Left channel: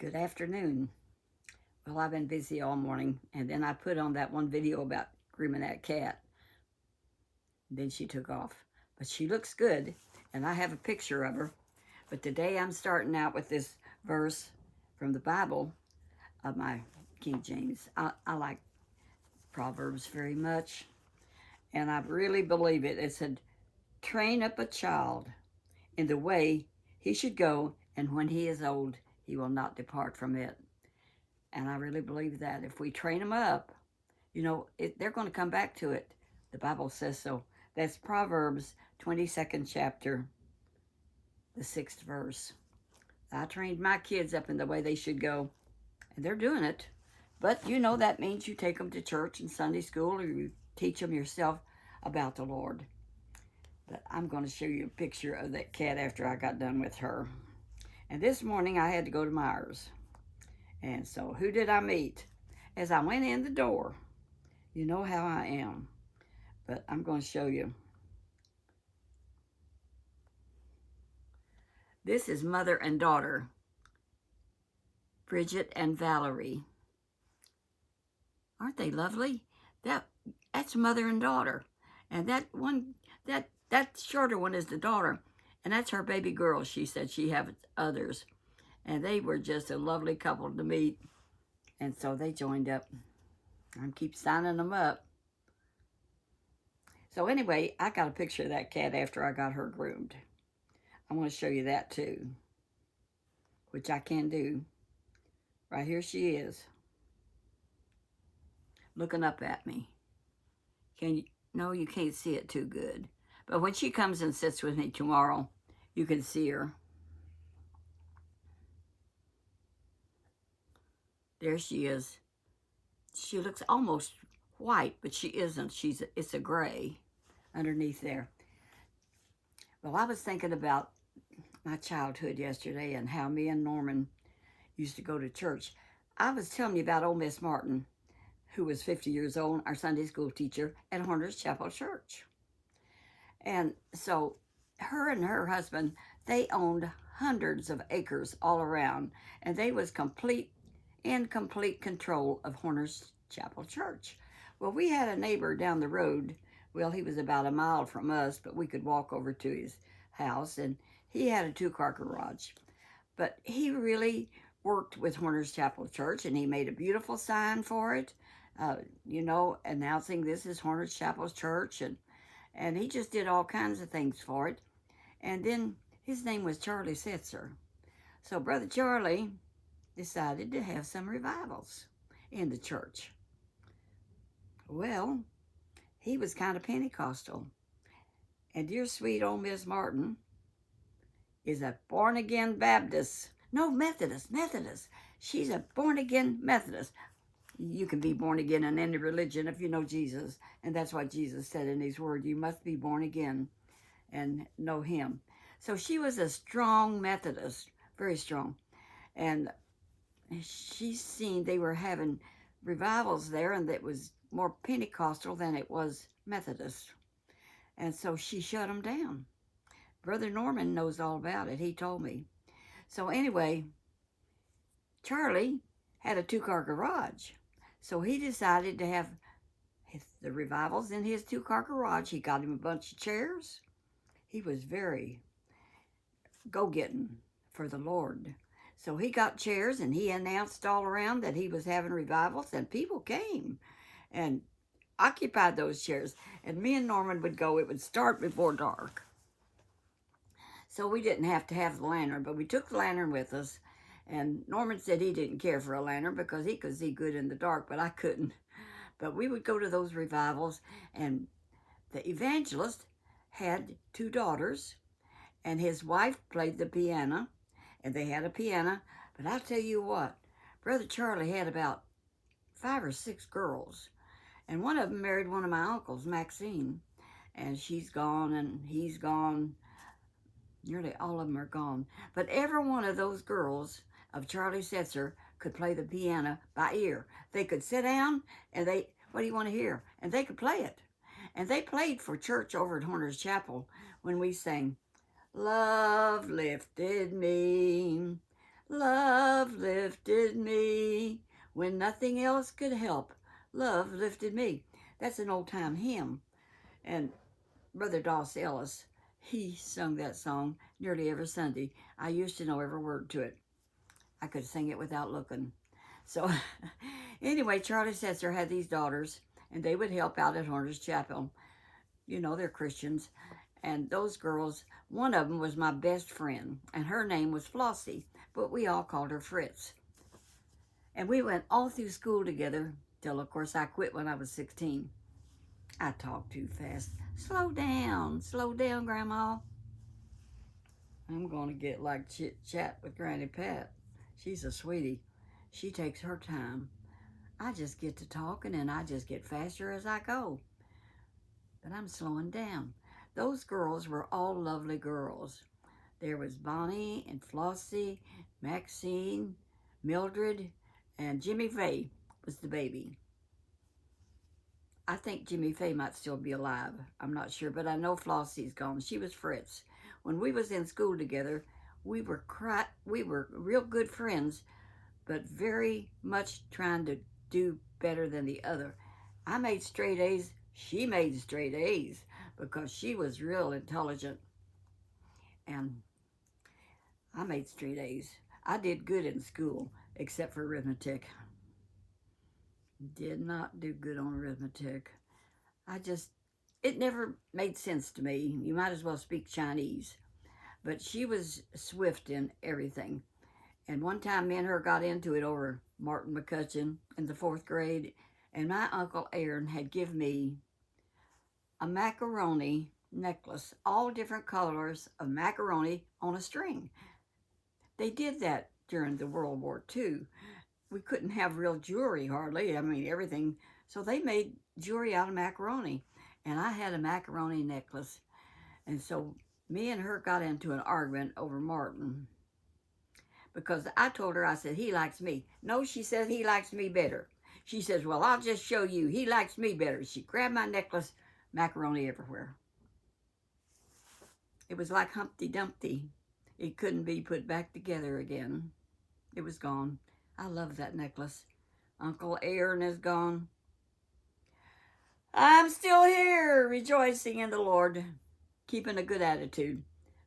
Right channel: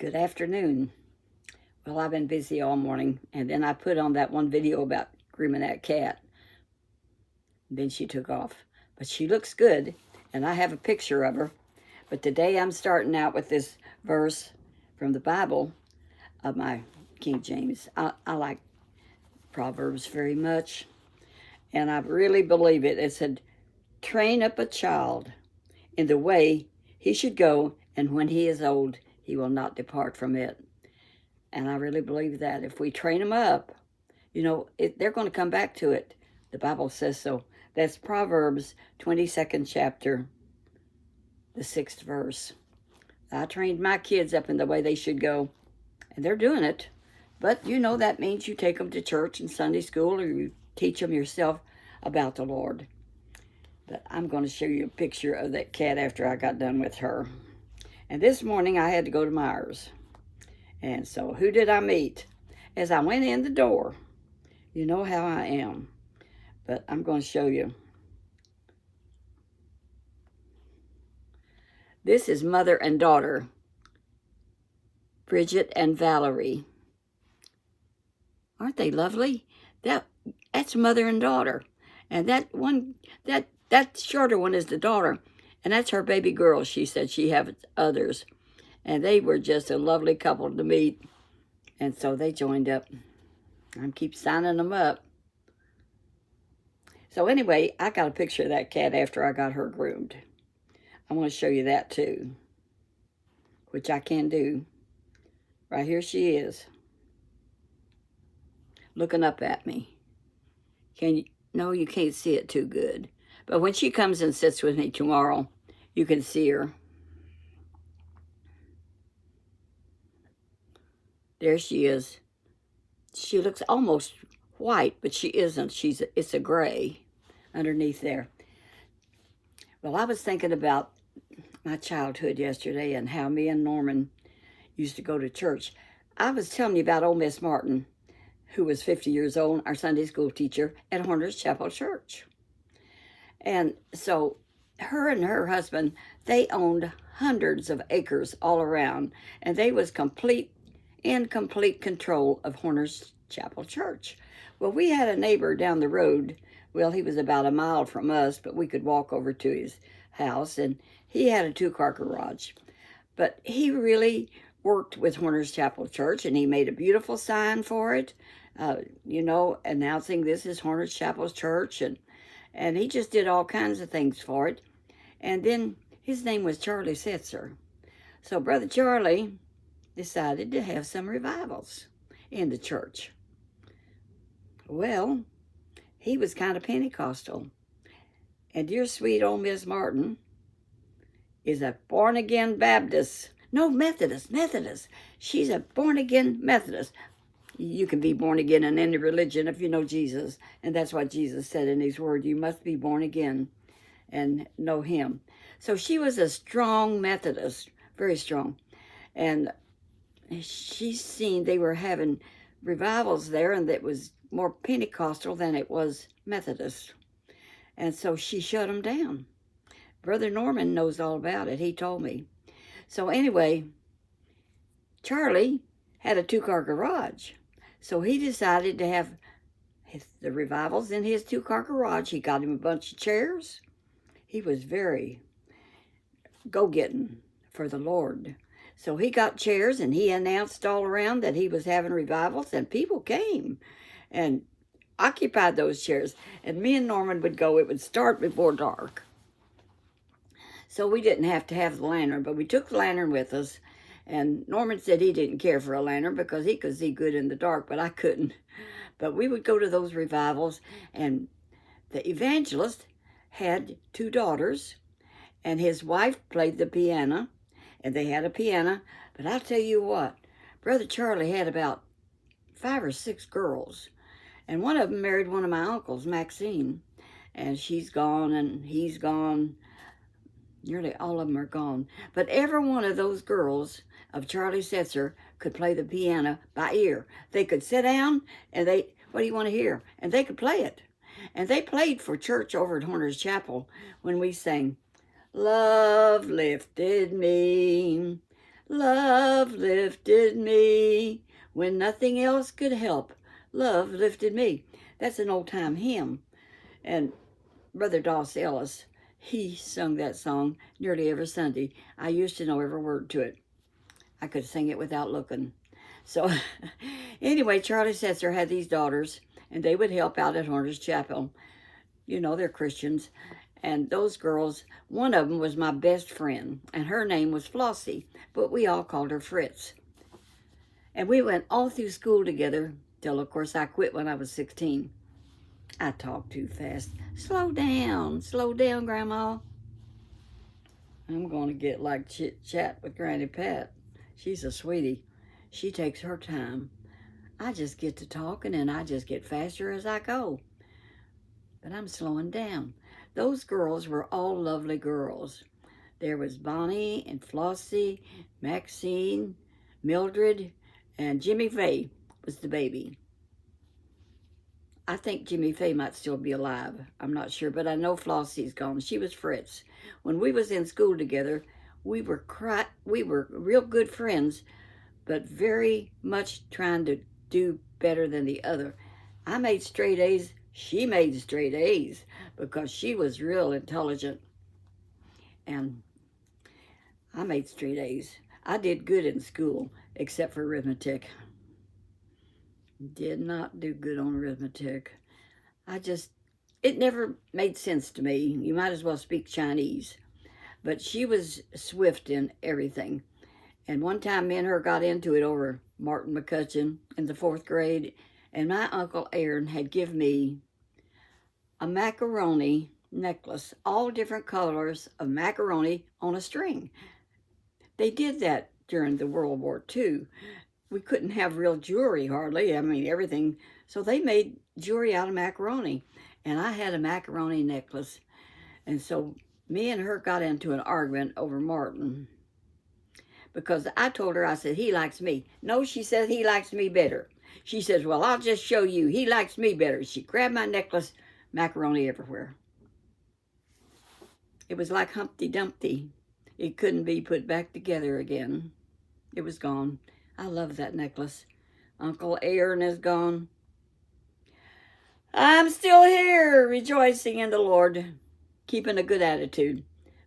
Good afternoon. Well, I've been busy all morning, and then I put on that one video about grooming that cat. Then she took off. But she looks good, and I have a picture of her. But today I'm starting out with this verse from the Bible of my King James. I like Proverbs very much, and I really believe it. It said, train up a child in the way he should go, and when he is old, he will not depart from it. And I really believe that if we train them up, they're going to come back to it. The Bible says so. That's Proverbs 22nd chapter, the 6th verse. I trained my kids up in the way they should go, and they're doing it. But that means you take them to church and Sunday school, or you teach them yourself about the Lord. But I'm going to show you a picture of that cat after I got done with her. And this morning I had to go to Myers. And so who did I meet? As I went in the door, you know how I am. But I'm going to show you. This is mother and daughter, Bridget and Valerie. Aren't they lovely? That's mother and daughter. And that shorter one is the daughter. And that's her baby girl. She said she has others. And they were just a lovely couple to meet. And so they joined up. I keep signing them up. So anyway, I got a picture of that cat after I got her groomed. I want to show you that too, which I can do. Right here she is, looking up at me. No, you can't see it too good. But when she comes and sits with me tomorrow, you can see her. There she is. She looks almost white, but she isn't. It's a gray underneath there. Well, I was thinking about my childhood yesterday and how me and Norman used to go to church. I was telling you about old Miss Martin, who was 50 years old, our Sunday school teacher at Horner's Chapel Church. And so her and her husband, they owned hundreds of acres all around, and they was in complete control of Horner's Chapel Church. Well, we had a neighbor down the road. Well, he was about a mile from us, but we could walk over to his house, and he had a 2-car garage. But he really worked with Horner's Chapel Church, and he made a beautiful sign for it, announcing this is Horner's Chapel Church, and he just did all kinds of things for it. And then his name was Charlie Setzer. So Brother Charlie decided to have some revivals in the church. Well, he was kind of Pentecostal. And dear sweet old Miss Martin is a born-again Baptist. No, Methodist. She's a born-again Methodist. You can be born again in any religion if you know Jesus. And that's what Jesus said in his word. You must be born again and know him. So she was a strong Methodist, very strong. And she's seen they were having revivals there, and that was more Pentecostal than it was Methodist. And so she shut them down. Brother Norman knows all about it. He told me. So anyway, Charlie had a 2-car garage. So he decided to have the revivals in his 2-car garage. He got him a bunch of chairs. He was very go-getting for the Lord. So he got chairs, and he announced all around that he was having revivals, and people came and occupied those chairs. And me and Norman would go. It would start before dark. So we didn't have to have the lantern, but we took the lantern with us. And Norman said he didn't care for a lantern because he could see good in the dark, but I couldn't. But we would go to those revivals, and the evangelist had 2 daughters, and his wife played the piano, and they had a piano. But I'll tell you what, Brother Charlie had about 5 or 6 girls, and one of them married one of my uncles, Maxine, and she's gone, and he's gone. Nearly all of them are gone. But every one of those girls of Charlie Setzer could play the piano by ear. They could sit down and what do you want to hear? And they could play it. And they played for church over at Horner's Chapel when we sang, Love lifted me, Love lifted me when nothing else could help. Love lifted me. That's an old-time hymn. And Brother Doss Ellis, he sung that song nearly every Sunday. I used to know every word to it. I could sing it without looking. So anyway, Charlie Setzer had these daughters, and they would help out at Horner's Chapel. You know, they're Christians. And those girls, one of them was my best friend, and her name was Flossie, but we all called her Fritz. And we went all through school together till, of course, I quit when I was 16. I talk too fast. Slow down, Grandma. I'm going to get like chit-chat with Granny Pat. She's a sweetie. She takes her time. I just get to talking, and I just get faster as I go. But I'm slowing down. Those girls were all lovely girls. There was Bonnie and Flossie, Maxine, Mildred, and Jimmy Faye was the baby. I think Jimmy Faye might still be alive. I'm not sure, but I know Flossie's gone. She was Fritz. When we was in school together, we were real good friends, but very much trying to do better than the other. I made straight A's. She made straight A's because she was real intelligent. And I made straight A's. I did good in school, except for arithmetic. Did not do good on arithmetic. It never made sense to me. You might as well speak Chinese. But she was swift in everything. And one time me and her got into it over Martin McCutcheon in the 4th grade. And my Uncle Aaron had given me a macaroni necklace, all different colors of macaroni on a string. They did that during the World War II. We couldn't have real jewelry hardly. I mean, everything. So they made jewelry out of macaroni. And I had a macaroni necklace. And so me and her got into an argument over Martin. Because I told her, I said, he likes me. No, she said, he likes me better. She says, well, I'll just show you. He likes me better. She grabbed my necklace, macaroni everywhere. It was like Humpty Dumpty. It couldn't be put back together again. It was gone. I love that necklace. Uncle Aaron is gone. I'm still here, rejoicing in the Lord, keeping a good attitude,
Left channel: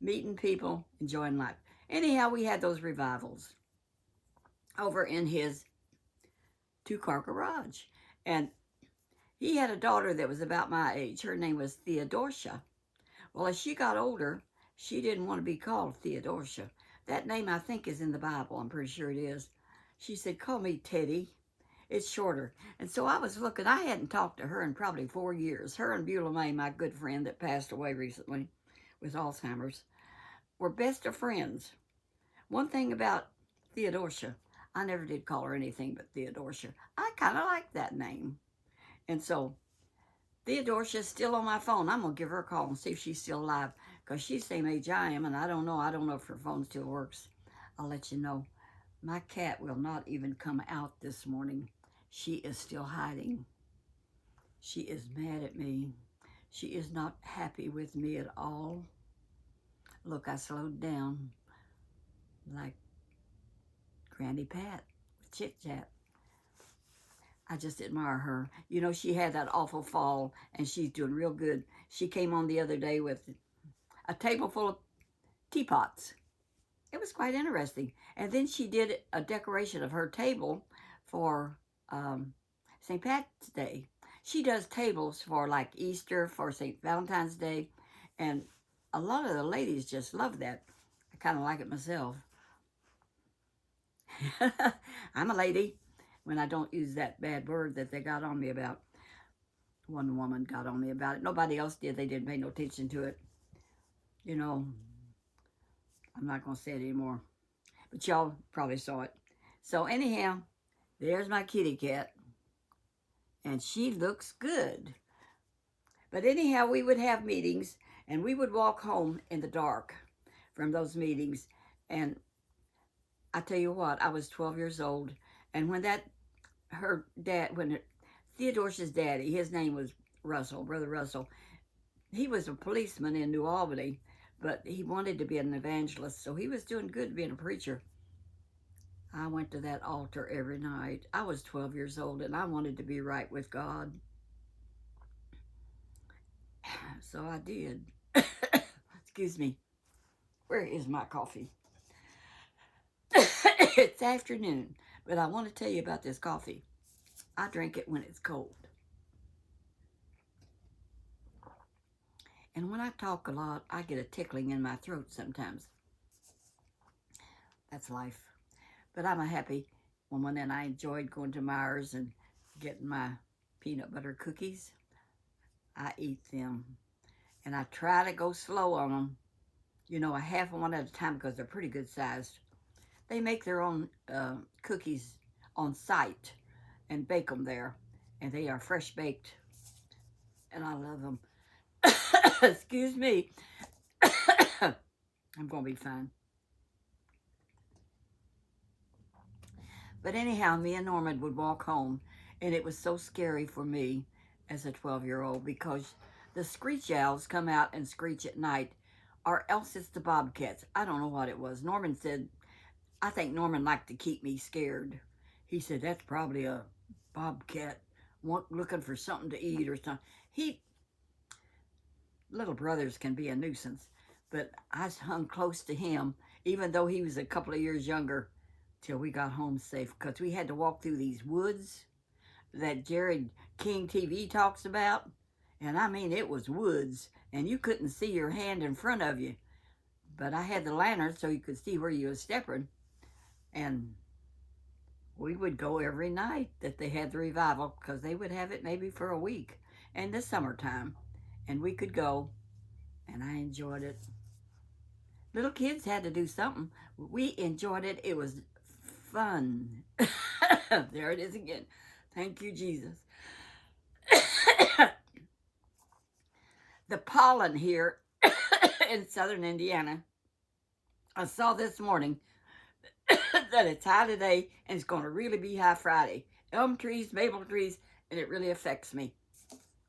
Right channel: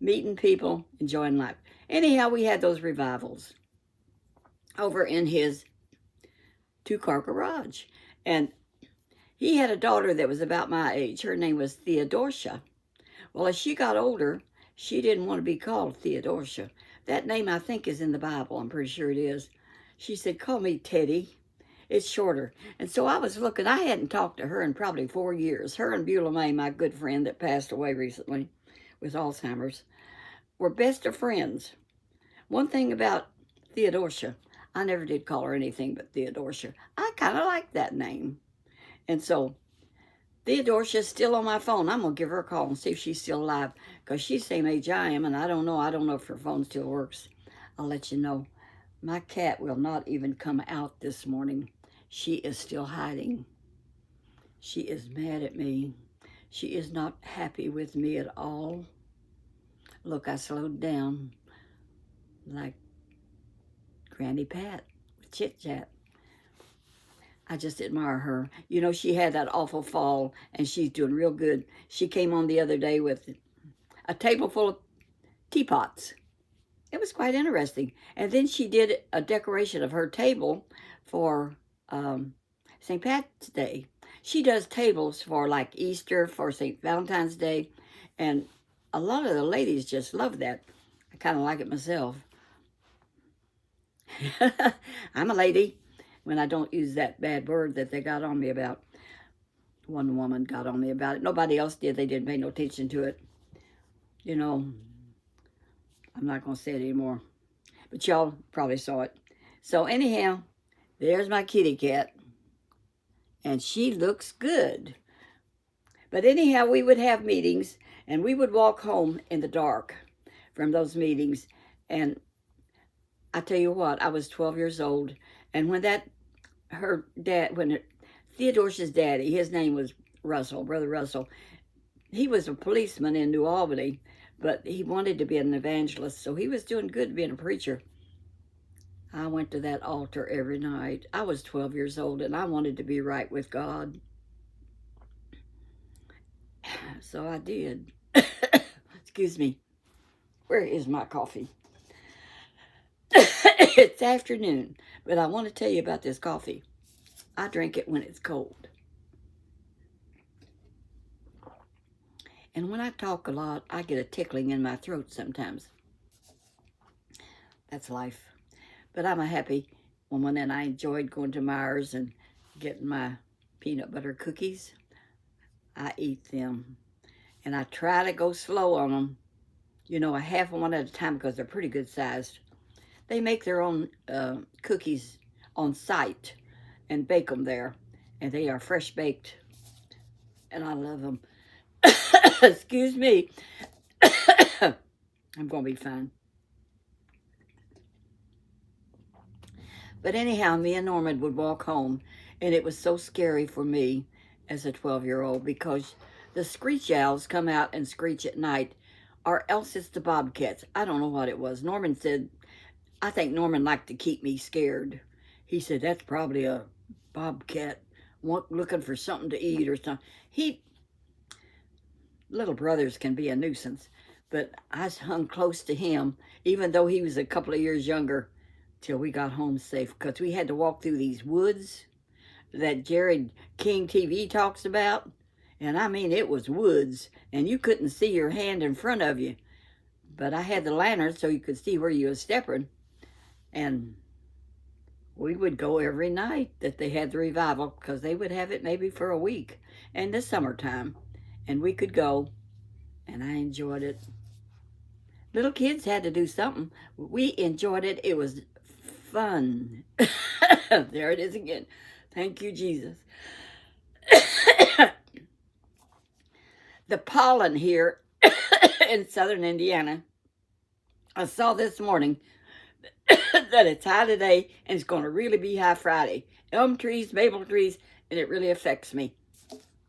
meeting people, enjoying life. Anyhow, we had those revivals over in his 2-car garage. And he had a daughter that was about my age. Her name was Theodosia. Well, as she got older, she didn't want to be called Theodosia. That name, I think, is in the Bible. I'm pretty sure it is. She said, call me Teddy. It's shorter. And so I was looking. I hadn't talked to her in probably 4 years. Her and Beulah May, my good friend that passed away recently with Alzheimer's, were best of friends. One thing about Theodosia, I never did call her anything but Theodosia. I kind of like that name. And so Theodosia's still on my phone. I'm going to give her a call and see if she's still alive, because she's the same age I am, and I don't know. I don't know if her phone still works. I'll let you know. My cat will not even come out this morning. She is still hiding. She is mad at me. She is not happy with me at all. Look, I slowed down like Granny Pat with Chit Chat. I just admire her. You know, she had that awful fall, and she's doing real good. She came on the other day with a table full of teapots. It was quite interesting. And then she did a decoration of her table for St. Pat's Day. She does tables for like Easter, for St. Valentine's Day, and a lot of the ladies just love that. I kind of like it myself. I'm a lady when I don't use that bad word that they got on me about. One woman got on me about it. Nobody else did. They didn't pay no attention to it. You know, I'm not going to say it anymore. But y'all probably saw it. So anyhow, there's my kitty cat. And she looks good. But anyhow, we would have meetings, and we would walk home in the dark from those meetings. And I tell you what, I was 12 years old. And when Theodosia's daddy, his name was Russell, Brother Russell, he was a policeman in New Albany, but he wanted to be an evangelist, so he was doing good being a preacher. I went to that altar every night. I was 12 years old and I wanted to be right with God. So I did. Excuse me. Where is my coffee? It's afternoon, but I want to tell you about this coffee. I drink it when it's cold. And when I talk a lot, I get a tickling in my throat sometimes. That's life. But I'm a happy woman, and I enjoyed going to Myers and getting my peanut butter cookies. I eat them, and I try to go slow on them. You know, a half one at a time because they're pretty good sized. They make their own cookies on site and bake them there, and they are fresh baked, and I love them. Excuse me. I'm going to be fine. But anyhow, me and Norman would walk home, and it was so scary for me as a 12-year-old because the screech owls come out and screech at night, or else it's the bobcats. I don't know what it was. Norman said, I think Norman liked to keep me scared. He said, that's probably a bobcat looking for something to eat or something. Little brothers can be a nuisance, but I hung close to him, even though he was a couple of years younger, till we got home safe, because we had to walk through these woods that Jared King TV talks about. And I mean, it was woods, and you couldn't see your hand in front of you. But I had the lantern so you could see where you were stepping. And we would go every night that they had the revival, because they would have it maybe for a week in the summertime. And we could go, and I enjoyed it. Little kids had to do something. We enjoyed it. It was fun. There it is again. Thank you, Jesus. The pollen here in southern Indiana, I saw this morning that it's high today and it's going to really be high Friday. Elm trees, maple trees, and it really affects me.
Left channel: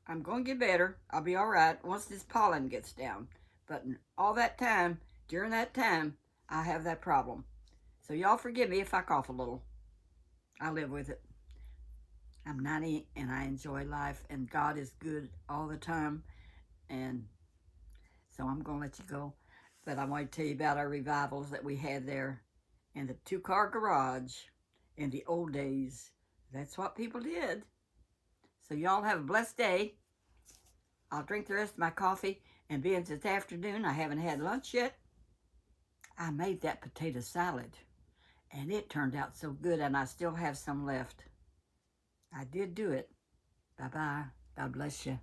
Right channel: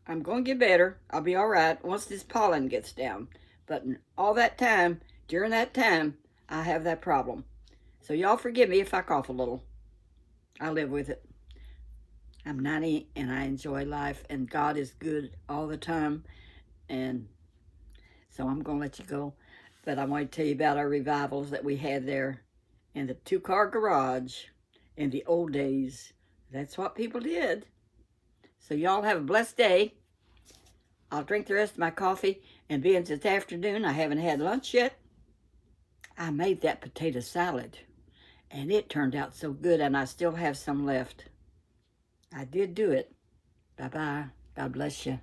I'm going to get better. I'll be all right once this pollen gets down. But all that time, during that time, I have that problem. So y'all forgive me if I cough a little. I live with it. I'm 90 and I enjoy life, and God is good all the time. And so I'm going to let you go. But I want to tell you about our revivals that we had there in the 2-car garage in the old days. That's what people did. So y'all have a blessed day. I'll drink the rest of my coffee, and being this afternoon, I haven't had lunch yet. I made that potato salad, and it turned out so good, and I still have some left. I did do it. Bye-bye. God bless you.